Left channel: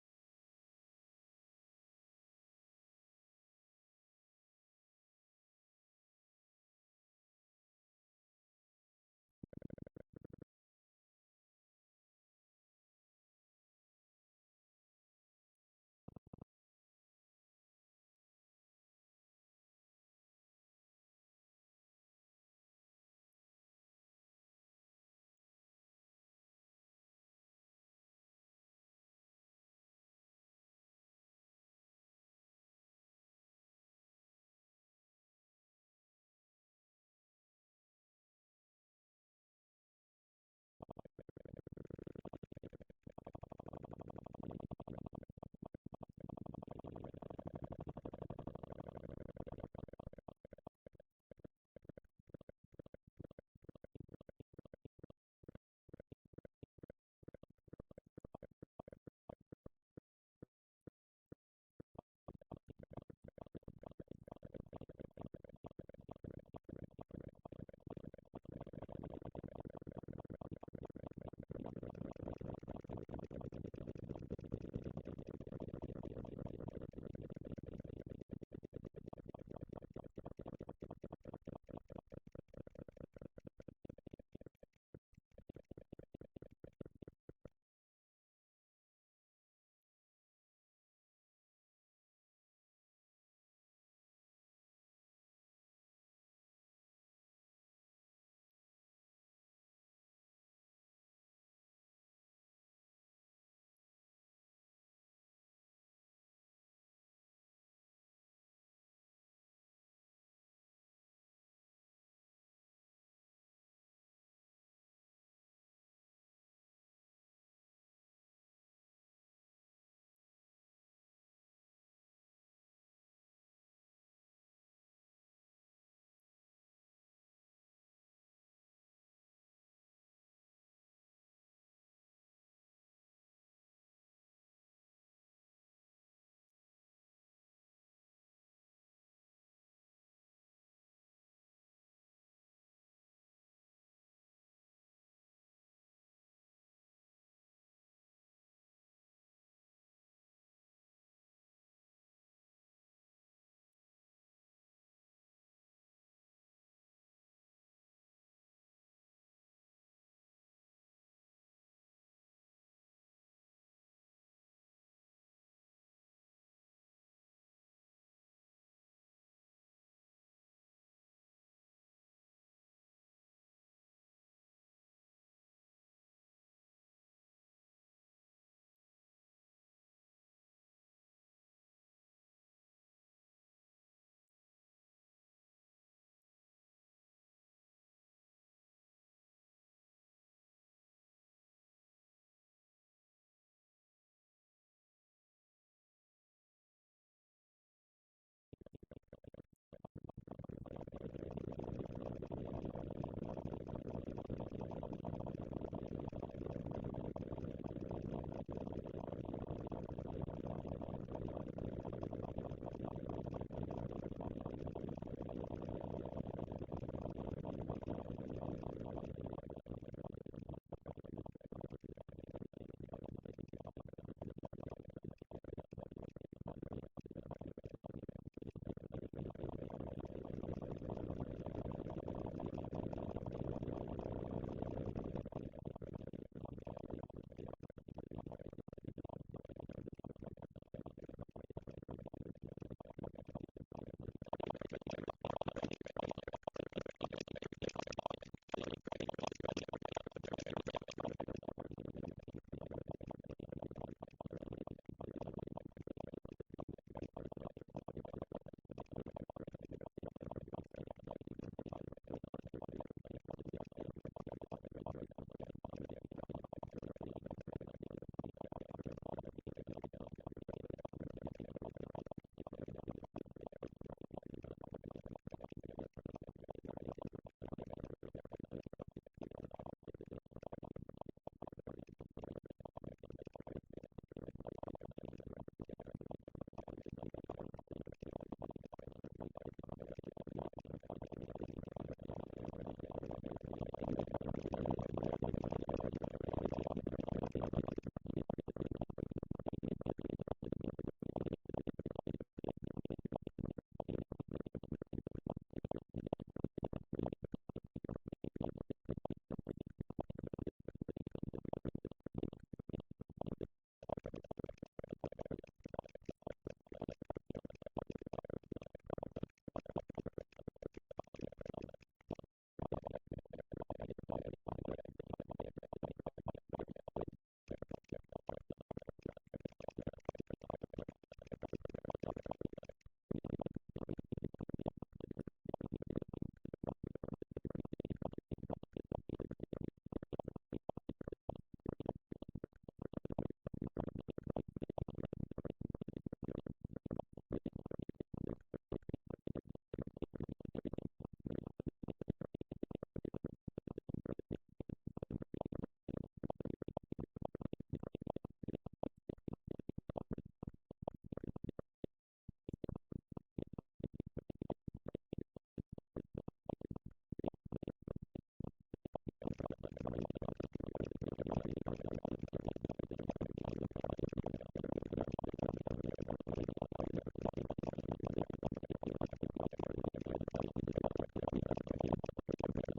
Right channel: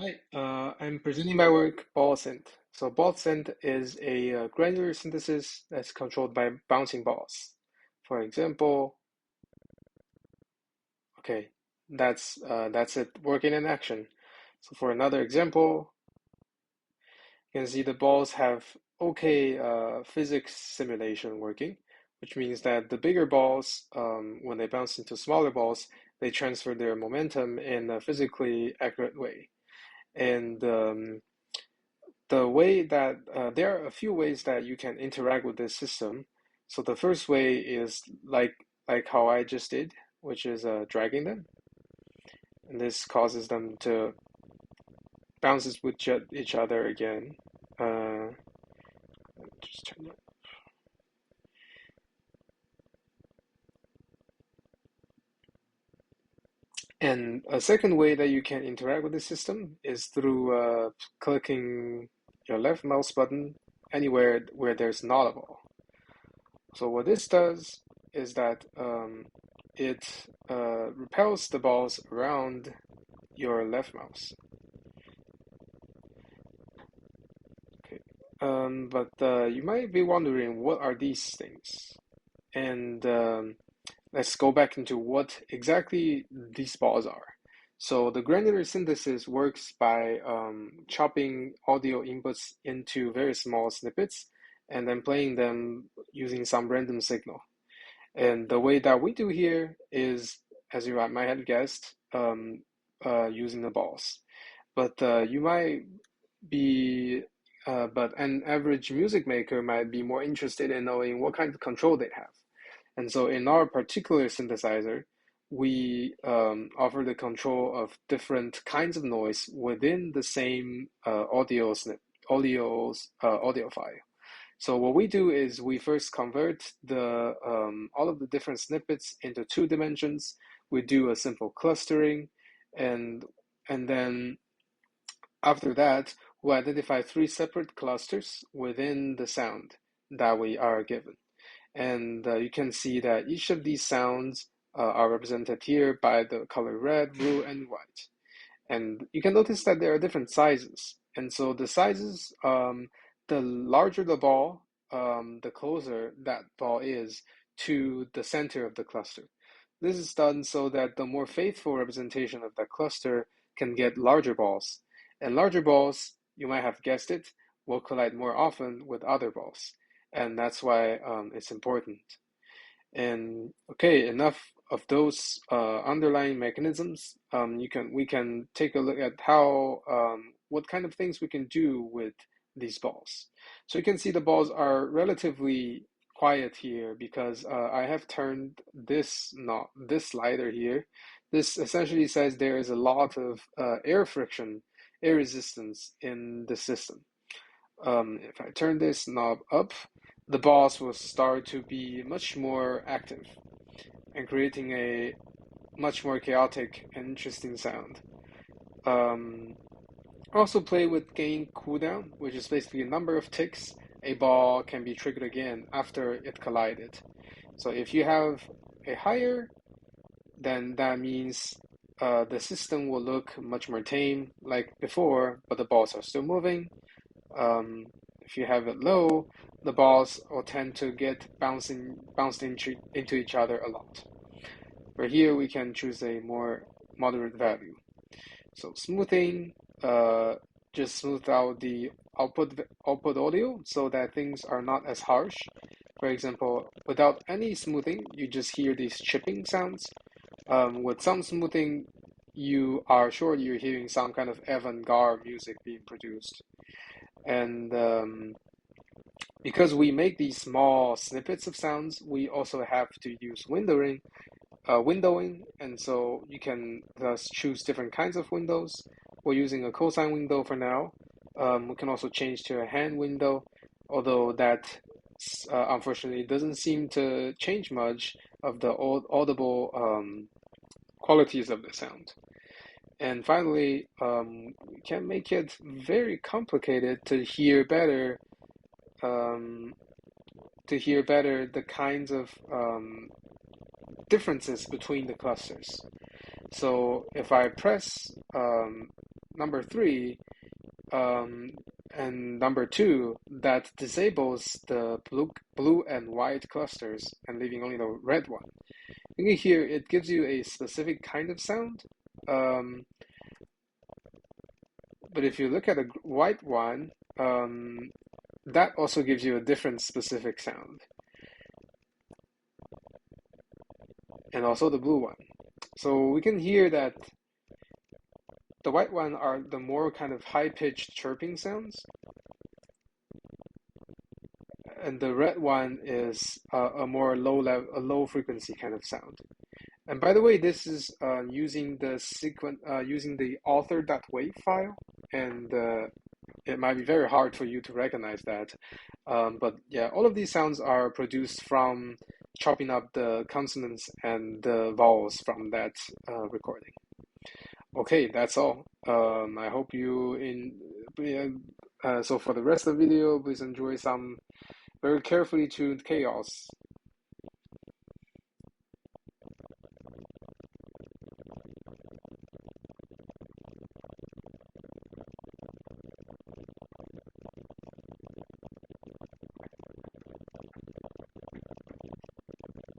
Hi, I'm presenting my work, ball synth. So ball synth is a granular synthesis that's controlled by bouncing balls. For example, okay, that's it working in action. So for another example, you can see the balls have okay physics simulation working, which means that the bigger balls, when they bounce into smaller balls, they transfer their momentum in a physically accurate way. And the way that there are a few ways that you can interact with this system. So the first way is like how I just did, which is dragging them, and this causes them to bounces with each other again. Uh, just turn it. And a second way that you can interact with the system is through clicking your left mouse button anywhere where there's not a ball. So what this does is that it repels the balls around your left mouse. Okay. But you might be wondering, what are these things? And let's go back into what exactly these balls are. So the granular synthesis works by chopping audio inputs into very small snippets and then playing them using some random signal. And the way that we do here is, as you might have guessed, using the balls. But you might be, but an average music maker might be more interested in knowing what kind of control they have. And so in our particular synthesizer, we offer the control of different kinds of noise within the same audio file. So what we do is we first convert the all of the different snippets into two dimensions. We do a simple clustering, and and then after that, we identify three separate clusters within the sound that we are given. And you can see that each of these sounds are represented here by the color red, blue, and white. And you can notice that there are different sizes. And so the sizes, the larger the ball, the closer that ball is to the center of the cluster. This is done so that the more faithful representation of that cluster can get larger balls. And larger balls, you might have guessed it, will collide more often with other balls. And that's why it's important. And okay, enough of those underlying mechanisms. We can take a look at how what kind of things we can do with these balls. So you can see the balls are relatively quiet here because I have turned this slider here. This essentially says there is a lot of air friction, air resistance in the system. If I turn this knob up, the balls will start to be much more active and creating a much more chaotic and interesting sound. Um, Also play with gain cooldown, which is basically a number of ticks a ball can be triggered again after it collided. So if you have a higher, then that means the system will look much more tame like before, but the balls are still moving. If you have it low, the balls will tend to get bounced into each other a lot. For here, we can choose a more moderate value. So smoothing, just smooth out the output audio so that things are not as harsh. For example, without any smoothing, you just hear these chipping sounds. With some smoothing, you are sure you're hearing some kind of avant-garde music being produced. And because we make these small snippets of sounds, we also have to use windowing, and so you can thus choose different kinds of windows. We're using a cosine window for now. We can also change to a hand window, although that unfortunately doesn't seem to change much of the audible qualities of the sound. And finally, we can make it very complicated um, to hear better the kinds of differences between the clusters. So if I press number 3 and number 2 that disables the blue and white clusters and leaving only the red one. You can hear it gives you a specific kind of sound. But if you look at a white one, that also gives you a different specific sound. And also the blue one. So we can hear that the white one are the more kind of high-pitched chirping sounds, and the red one is a more low frequency kind of sound. And by the way, this is using the author.wave file, and it might be very hard for you to recognize that. But yeah, all of these sounds are produced from chopping up the consonants and the vowels from that recording. Okay, that's all. I hope so for the rest of the video, please enjoy some very carefully tuned chaos.